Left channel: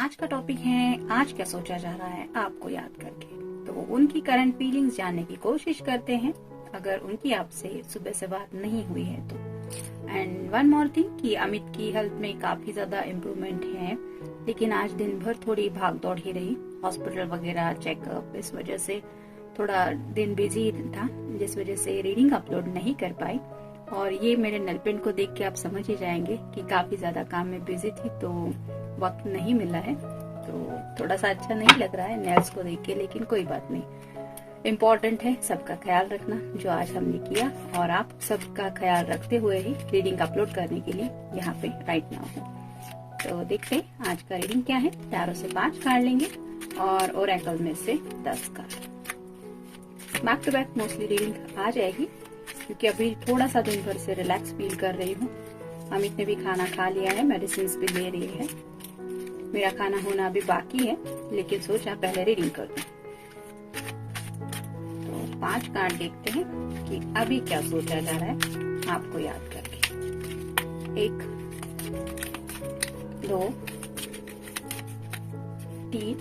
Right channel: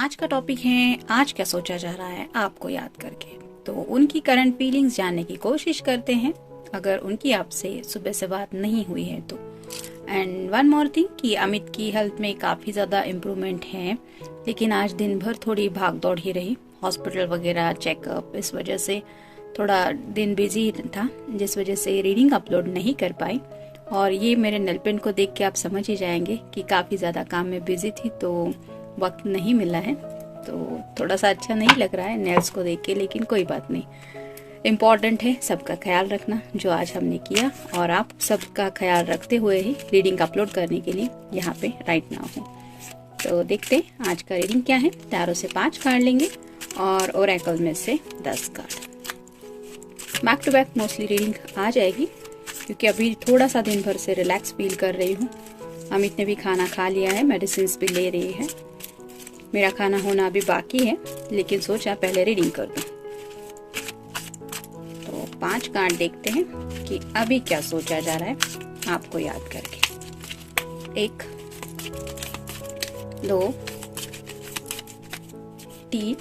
आज का टॉपिक है आज क्या सोचा जा रहा है आपको याद करके। तो उनकी करंट फीलिंग्स जानने की कोशिश करते हैं अगर उनकी आपसे सुबह से बात नहीं हुई है तो। एंड वन मोर थिंग कि अमित की हेल्थ में काफ़ी ज़्यादा इम्प्रूवमेंट है, लेकिन आज दिन भर थोड़ी भाग दौड़ ही रही, हॉस्पिटल वगैरह चेकअप, इस वजह से थोड़ा दिन बिजी था, जिस वजह से रीडिंग अपलोड नहीं कर पाई। और ये मेरे नेल पेंट को देख के आप समझ ही जाएंगे कि काफ़ी ज़्यादा काम में बिजी थी, तो वक्त नहीं मिला है, तो थोड़ा सा अच्छा नहीं लग रहा है नेल्स को देख के, लेकिन कोई बात नहीं। इम्पॉर्टेंट है सबका ख्याल रखना, जो आज हमने किया, और आप सबका ख्याल रखते हुए ही रीडिंग अपलोड करने के लिए यहाँ पे राइट नाउ हूँ। तो देखते हैं आज का रीडिंग क्या है। टैरो से 5 कार्ड लेंगे और ओरेकल में से 10 card. Back to back mostly reading आ जाएगी, क्योंकि अभी थोड़ा सा दिन भर से रिलैक्स फील कर रही हूँ। अमित ने भी खाना खा लिया है, मेडिसिन भी ले रही है, मेरा खाना होना अभी बाकी है, लेकिन सोचा पहले रीडिंग कर दूं। तो 5 कार्ड देखते हैं कि अभी क्या सोचा जा रहा है आपको याद करके। 1 2 3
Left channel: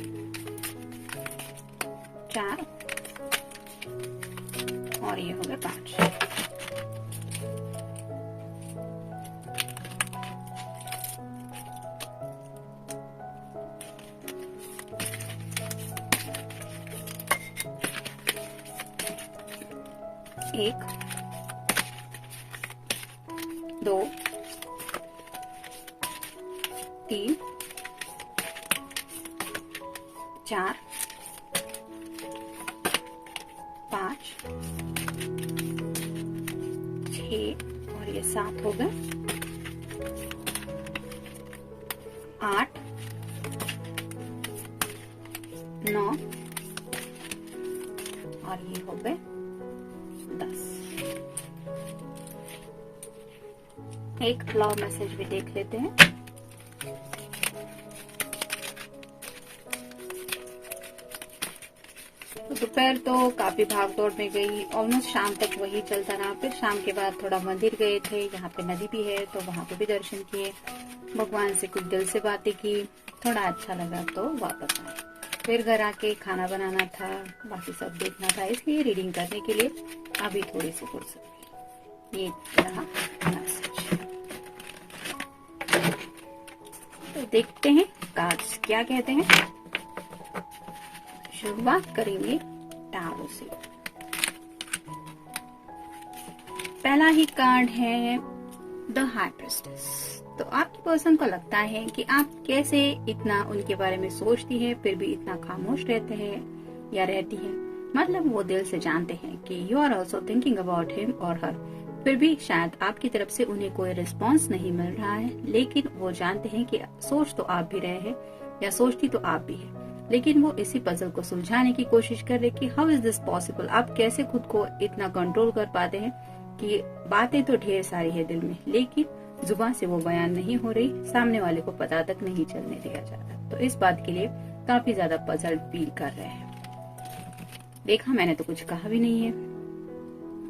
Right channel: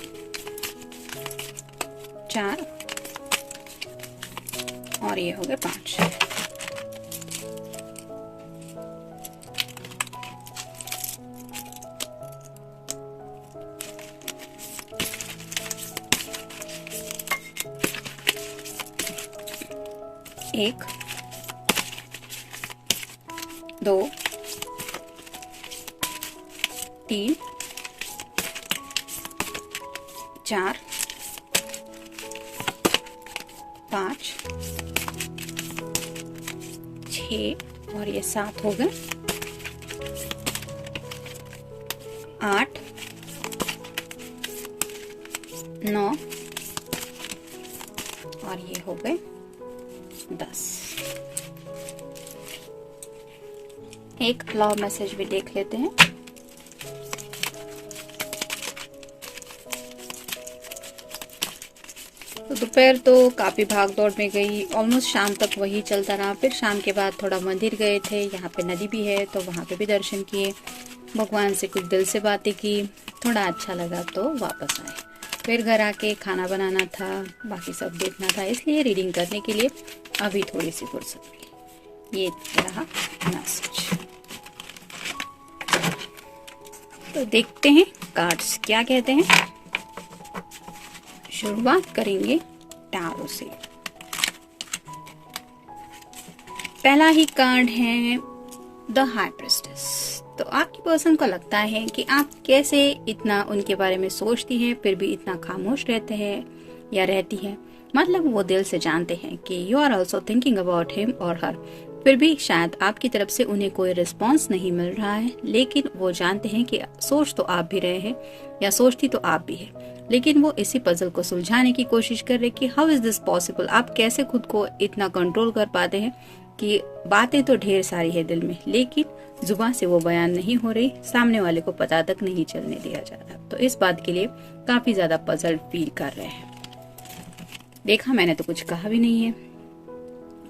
4 और ये हो गए 5। एक 2 3 4 5 6 और ये 7 हो गए। 8 9 और ये हो गए 10। एक लव मैसेज भी देख लेते हैं। तो दोपहर तो काफी भाग दौड़ में गई, ऑलमोस्ट शाम तक वही चलता रहा। फिर शाम के बाद थोड़ा मंदिर गए थे, यहाँ पे नदी भी है तो वहाँ पे भी दर्शन किए, भगवान से कुछ दिल से बातें की, थोड़ा अच्छा लगा तो वापस आए। फिर घर आके खाना बनाना था, बाकी सब देखना था, इसलिए रीडिंग करने के लिए अभी थोड़ी सी फुर्सत मिली। ये रहा मैसेज। तो देखते हैं कार्ड्स क्या कहते हैं। शुरुआत करेंगे टैरो से। पहला ही कार्ड है द हाई प्रिस्टेस। तो आपकी पर्सन को लगता है कि आप कैसे इतना उनके बारे में सोचती हैं, फिर भी इतना खामोश रहते हैं या रहती हैं। मतलब वो दिल से जानते हैं कि you are also thinking about him और हर, फिर भी शायद आपकी तरफ से उन्हें कोई रिस्पॉन्स नहीं मिल रहा है, लेकिन वो जानते हैं कि सोच तो आप भी रहे हैं या सोचती तो आप भी है, लेकिन वो इसी पजल को सुलझाने की कोशिश कर रहे कि हाउ इज दिस पॉसिबल, आप कैसे खुद को इतना कंट्रोल कर पाते हैं कि बातें तो ढेर सारी है दिल में, लेकिन जुबान से वो बयान नहीं हो रही, सामने वाले को पता तक नहीं चलने दिया जा रहा। तो इस बात के लिए काफी ज्यादा पजल फील कर रहे हैं। देखा, मैंने तो कुछ कहा भी नहीं है,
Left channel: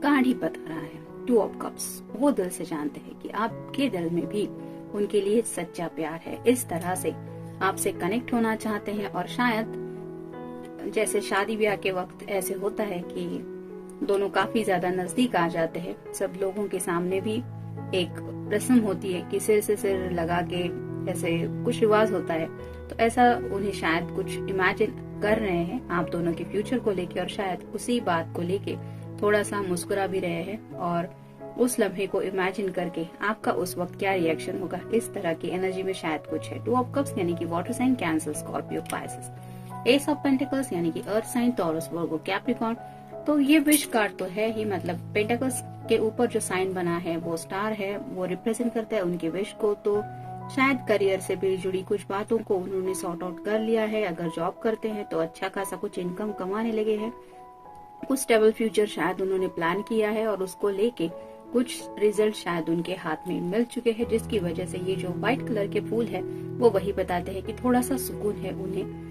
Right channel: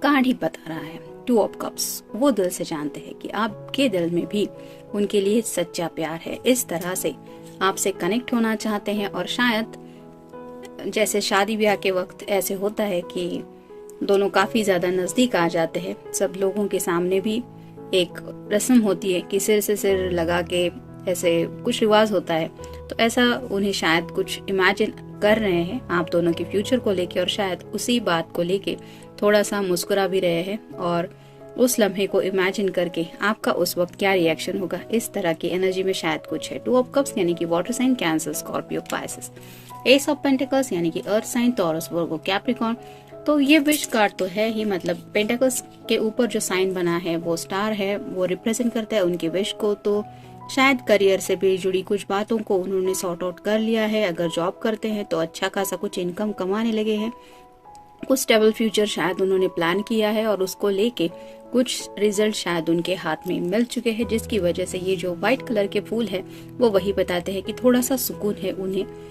कार्ड ही बता रहा है 2 ऑफ कप्स। वो दिल से जानते हैं कि आपके दिल में भी उनके लिए सच्चा प्यार है, इस तरह से आपसे कनेक्ट होना चाहते हैं। और शायद जैसे शादी ब्याह के वक्त ऐसे होता है कि दोनों काफी ज्यादा नजदीक आ जाते हैं, सब लोगों के सामने भी एक रस्म होती है कि सिर से सिर लगा के ऐसे कुछ रिवाज होता है, तो ऐसा उन्हें शायद कुछ इमेजिन कर रहे हैं आप दोनों के फ्यूचर को लेके, और शायद उसी बात को लेके थोड़ा सा मुस्कुरा भी रहे हैं, और उस लम्हे को इमेजिन करके आपका उस वक्त क्या रिएक्शन होगा, इस तरह की एनर्जी में शायद कुछ है। 2 ऑफ कप्स यानी कि water sign Cancer, Scorpio, Pisces. Ace of pentacles यानी कि earth sign, Taurus, Virgo, Capricorn. तो ये विश कार्ड तो है ही, मतलब पेंटिकल्स के ऊपर जो साइन बना है वो स्टार है, वो रिप्रेजेंट करता है उनके विश को। तो शायद करियर से भी जुड़ी कुछ बातों को उन्होंने सॉर्ट आउट कर लिया है। अगर जॉब करते हैं तो अच्छा खासा कुछ इनकम कमाने लगे हैं, कुछ स्टेबल फ्यूचर शायद उन्होंने प्लान किया है, और उसको लेके कुछ रिजल्ट शायद उनके हाथ में मिल चुके हैं, जिसकी वजह से ये जो व्हाइट कलर के फूल है वो वही बताते हैं कि थोड़ा सा सुकून है उन्हें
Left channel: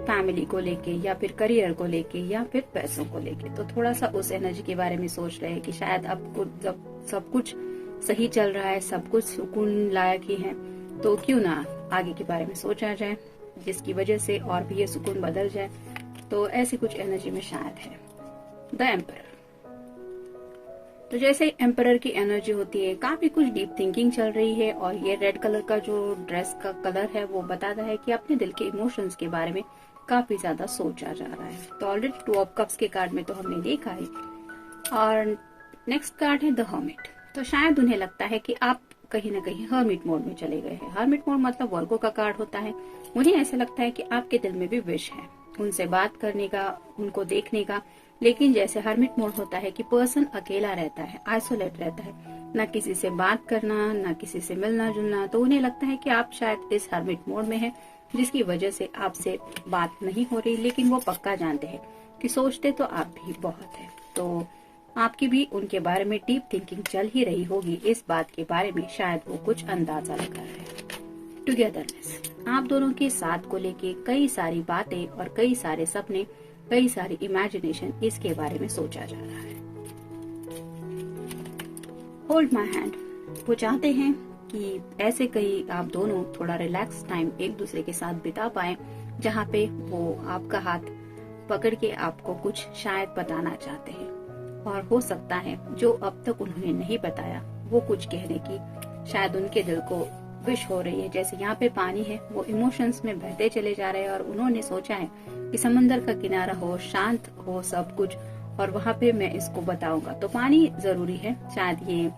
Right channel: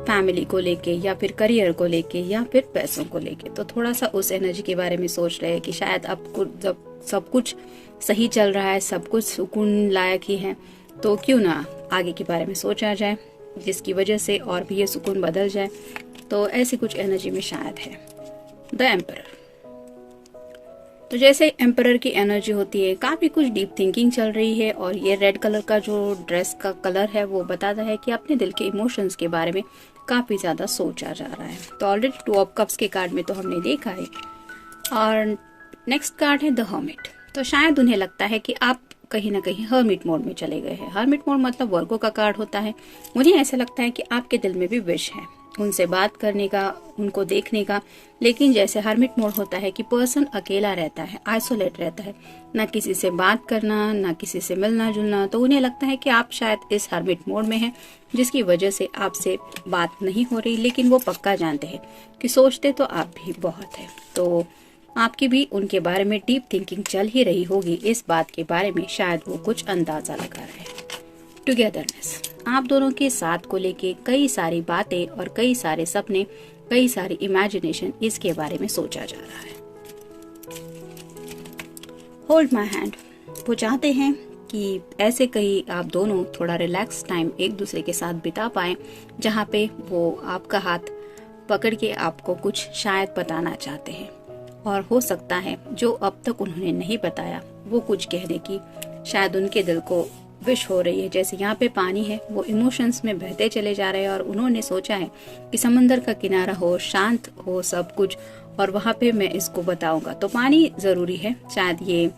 फैमिली को लेके, या फिर करियर को लेके, या फिर पैसों को लेके। तो थोड़ा सा उस एनर्जी के बारे में सोच रहे हैं कि शायद अब जब सब कुछ सही चल रहा है, सब कुछ सुकून लायक ही है, तो क्यों ना आगे के बारे में सोचा जाए। जिसकी वजह से और भी ये सुकून बदल जाए। तो ऐसी कुछ एनर्जी में शायद है द एम्परर। तो जैसे एम्परर की एनर्जी होती है, काफी कुछ डीप थिंकिंग चल रही है, और ये रेड कलर का जो ड्रेस का कलर है वो बताता है कि अपने दिल के इमोशंस के बारे में काफी ज्यादा सोचा जा रहा है। तो ऑलरेडी 2 ऑफ कप्स के कार्ड में तो हमने देखा है। और नेक्स्ट कार्ड है द हर्मिट। तो शायद उन्हें लगता है कि आप कहीं ना कहीं हर्मिट मोड में चले गए हैं। हर्मिट मोड मतलब वर्गो का कार्ड होता है। मुझे ऐसा लगता है कि आपके दिल में भी विश है उनसे बात करने का, उनको देखने का, लेकिन जैसे हर्मिट मोड होता है कि पर्सन अकेला रहता है, आइसोलेट रहता है, ना किसी से बात करना, ना किसी से मिलना जुलना। तो उन्हें लगता है कि आप शायद इस हर्मिट मोड में हैं, जिसकी वजह से आपसे बात नहीं हो रही, लेकिन वो पक्का जानते हैं कि सोचते तो आप भी बहुत है। तो आपकी भी उनके बारे में डीप थिंकिंग चल ही रही होगी, इस बात के बारे में शायद वो कुछ अंदाजा लगा रहे हैं। टुगेदरनेस, आप दोनों के साथ को लेके कई सारी बातें और कई सारे सपने, कई सारी इमेजिनेशन इसके बारे में सोचा जा रहा है। होल्ड माई हैंड, वो चाहते हैं कि ऐसे कहीं आप दोनों थोड़ा रिलैक्स टाइम एक दूसरे के साथ बिता पाए, जहाँ पे वो आपका हाथ पकड़ के आपको कुछ शायद बताना चाहते हैं, और हो सकता है जो अब तक उन्होंने नहीं बताया वो कुछ कहने की शायद उनके दिल को विश हो रही है। जैसे यहाँ पे पानी है, वो इमोशंस में बहते चले जा रहे हैं, और उन्होंने सोचा है कि समंदर का किनारा हो, शांत हो सब कुछ, और वहां पे मैं इसको बताऊंगा। तो पानी जरूरी है, शायद ये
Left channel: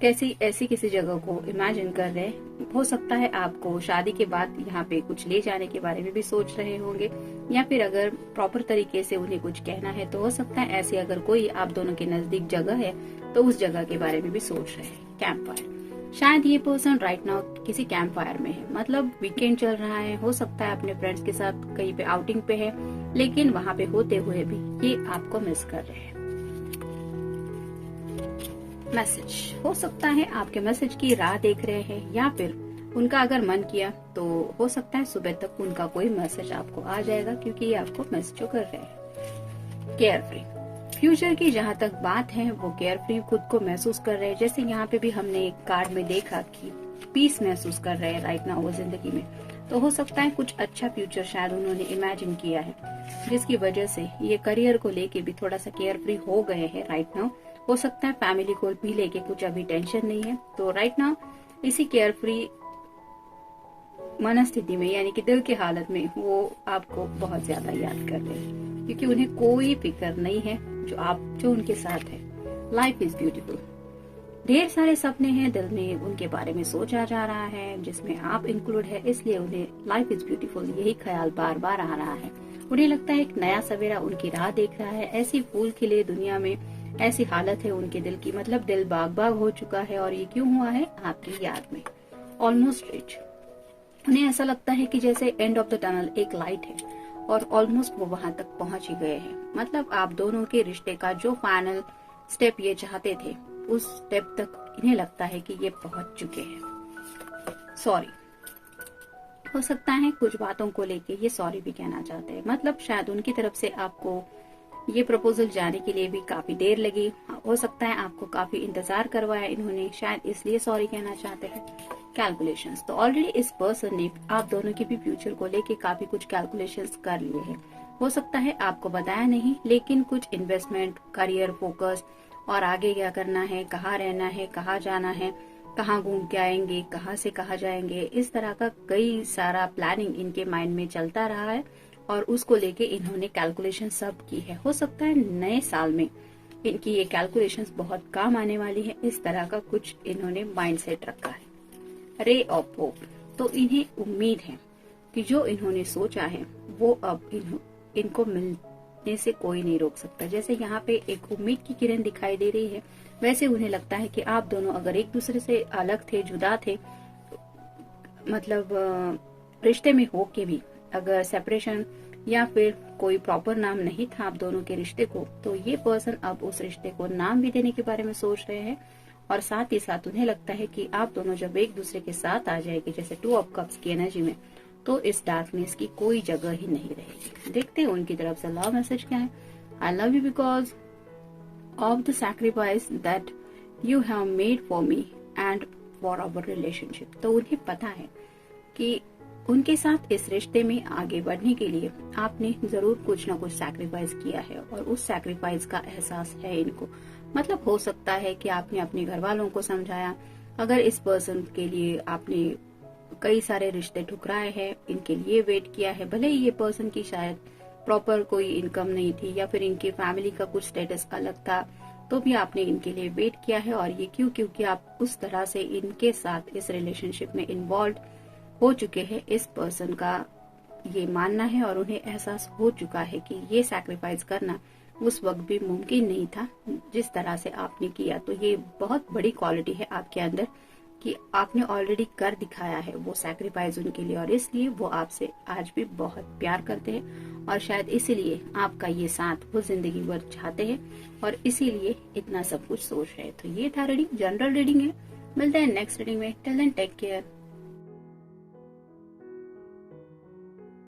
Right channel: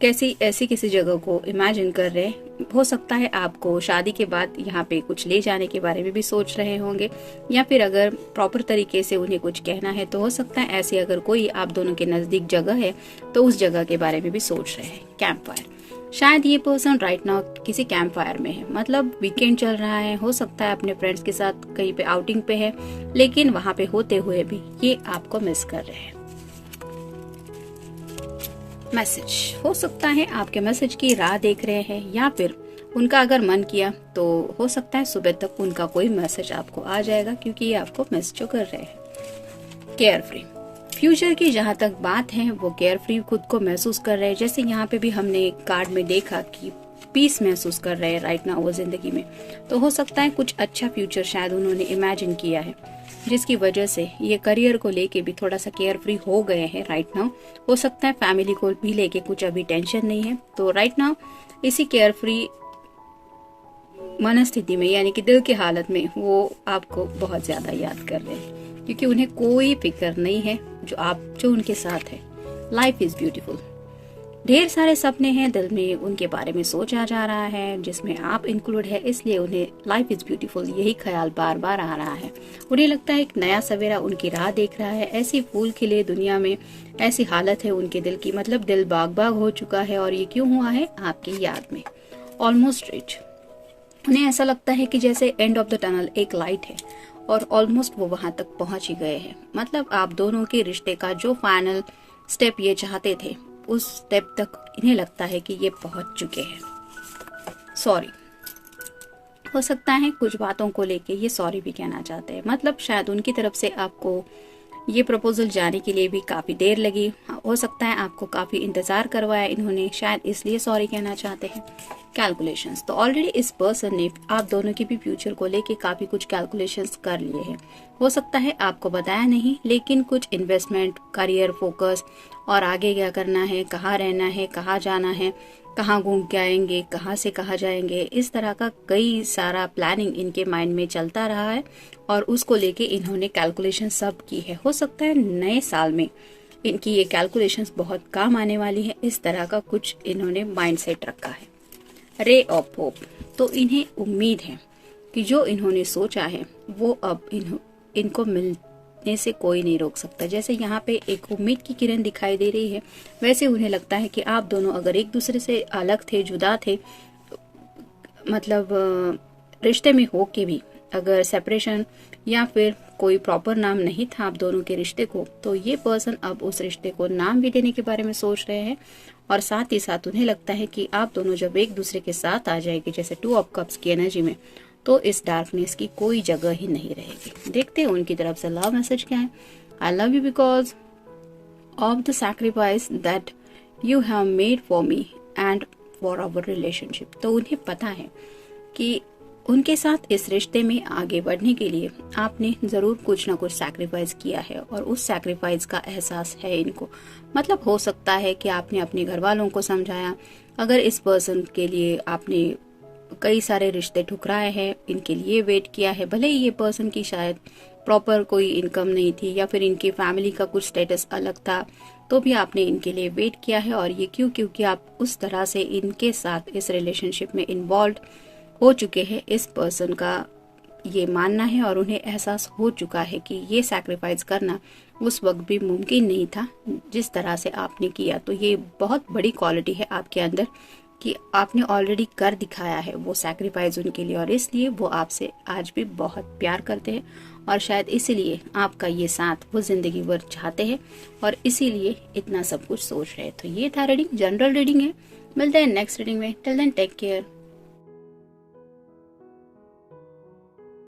कैसी ऐसी किसी जगह को इमेजिन कर रहे हैं। हो सकता है आपको शादी के बाद यहाँ पे कुछ ले जाने के बारे में भी सोच रहे होंगे, या फिर अगर प्रॉपर तरीके से उन्हें कुछ कहना है तो हो सकता है ऐसी अगर कोई आप दोनों के नजदीक जगह है तो उस जगह के बारे में भी सोच रहे हैं। कैंप फायर, शायद ये पर्सन राइट नाउ किसी कैंप फायर में है, मतलब वीकेंड चल रहा है, हो सकता है अपने फ्रेंड्स के साथ कहीं पे आउटिंग पे है, लेकिन वहां पे होते हुए भी ये आपको मिस कर रहे हैं। मैसेज, हो सकता है आपके मैसेज की राह देख रहे हैं, या फिर उनका अगर मन किया तो हो सकता है सुबह तक उनका कोई मैसेज आपको आ जाएगा, क्योंकि ये आपको मैसेज कर रहे हैं। केयर फ्री, फ्यूचर की जहाँ तक बात है वो केयर फ्री खुद को महसूस कर रहे हैं। जैसे यहाँ पे भी हमने एक कार्ड में देखा कि पीस महसूस कर रहे हैं राइट नाउ वो जिंदगी में। तो हो सकता है कुछ अच्छा फ्यूचर शायद उन्होंने इमेजिन किया है, जिसकी वजह से ये करियर को लेके भी थोड़ा सा केयर फ्री हो गए हैं राइट नाउ। हो सकता है फैमिली को भी लेके कुछ अभी टेंशन नहीं है। तो राइट नाउ इसी केयर फ्री मनस्थिति में, यानी कि दिल की हालत में, वो आपको बहुत ज्यादा याद कर रहे हैं, क्योंकि उन्हें कोई फिक्र नहीं है जो उनके साथ है। लाइफ इज ब्यूटीफुल, ढेर सारे सपने हैं दिल में, उनके बारे में सोचा जा रहा है, जिसमें आप इंक्लूड है, इसलिए उन्हें लाइफ इज ब्यूटीफुल यही ख्याल बार बार आ रहा है। उन्हें लगता है एक नया सवेरा उनकी राह देख रहा है, ऐसी फूल खिले दुनिया में, ऐसी हालत है उनके दिल की, मतलब दिल बाग बाग हो चुका है। और ये क्यों हुआ है? आपकी याद में। ऑलमोस्ट रिच, उन्हें ऐसा लगता है कि जैसे एंड ऑफ द टनल एक लाइट है, और ऑलमोस्ट वो वहां तक पहुंच ही गए हैं। मतलब आप दोनों के रिश्ते का जो फाइनल स्टेप ये चाहते थे, उस स्टेप तक इन्हें लगता है कि ये पहुंच चुके हैं। सॉरी, हो सकता है कुछ बातों को लेके ये सॉरी भी कहना चाहते हैं, मतलब शायद उनकी तरफ से आपको ये प्रपोजल जाने के लिए भी काफी देर लगी, हो सकता है आपको काफी इंतजार करवाया इन्होंने, शायद इसलिए सॉरी कहना चाहते हैं। कैलकुलेशंस, तो ऑलरेडी इस पर्सन ने आप दोनों के भी फ्यूचर को लेके काफी कुछ कैलकुलेशंस कर लिए हैं। हो सकता है आपको बताया नहीं, लेकिन कुछ इन्वेस्टमेंट, करियर फोकस, और आगे क्या करना है, कहाँ रहना है, कहाँ जाना है, कहाँ घूम के आएंगे, कहाँ से कहाँ जाएंगे, इस तरह का कई सारा प्लानिंग इनके माइंड में चलता रहा है, और उसको लेके इन्होंने कैलकुलेशन सब की है। हो सकता है नए साल में इनकी ये कैलकुलेशंस बहुत काम आने वाली है, इस तरह का कुछ इन्होंने माइंड सेट रखा है। रे ऑफ होप, तो इन्हें उम्मीद है कि जो इन्होंने सोचा है वो अब इनको मिलने से कोई नहीं रोक सकता। जैसे यहाँ पे एक उम्मीद की किरण दिखाई दे रही है, वैसे उन्हें लगता है कि आप दोनों अगर एक दूसरे से अलग थे, जुदा थे, मतलब रिश्ते में हो के भी अगर सेपरेशन या फिर कोई प्रॉपर नाम नहीं था आप दोनों के रिश्ते को, तो ये पर्सन अब उस रिश्ते को नाम भी देने के बारे में सोच रहे हैं। और साथ ही साथ उन्हें लगता है कि आप दोनों जब एक दूसरे के साथ आ जाएंगे, जैसे 2 ऑफ कप्स की एनर्जी में, तो इस डार्कनेस की कोई जगह ही नहीं रहेगी। देखते हैं उनकी तरफ से लव मैसेज क्या है। I love you because of the sacrifice that you have made for me and for our relationship. तो उन्हें पता है कि उनके साथ इस रिश्ते में आगे बढ़ने के लिए आपने जरूर कुछ ना कुछ सैक्रिफाइस किया है और उस सैक्रिफाइस का एहसास है इनको। मतलब हो सकता है कि आपने अपने घर वालों को समझाया, अगर इस पर्सन के लिए आपने कई सारे रिश्ते ठुकराए हैं, इनके लिए वेट किया है, भले ही ये पर्सन की शायद प्रॉपर कोई इनकम नहीं थी या फिर इनकी फैमिली का कुछ स्टेटस अलग था, तो भी आपने इनके लिए वेट किया है। और ये क्योंकि आप उस तरह से इनके साथ इस रिलेशनशिप में इन्वॉल्व हो चुके हैं, इस पर्सन का ये मानना है और उन्हें एहसास हो चुका है कि ये सैक्रिफाइस करना उस वक्त भी मुमकिन नहीं था जिस तरह से आपने किया। तो ये बहुत बड़ी क्वालिटी है आपके अंदर कि आपने ऑलरेडी कर दिखाया है वो सैक्रिफाइस उनके लिए, और इसलिए वो आपसे आज भी बहुत प्यार करते हैं और शायद इसीलिए आपका ये साथ वो जिंदगी भर चाहते हैं और इसीलिए इतना सब कुछ सोच रहे हैं। तो ये था रीडिंग, जनरल रीडिंग है। मिलते हैं नेक्स्ट रीडिंग में। Till then take care.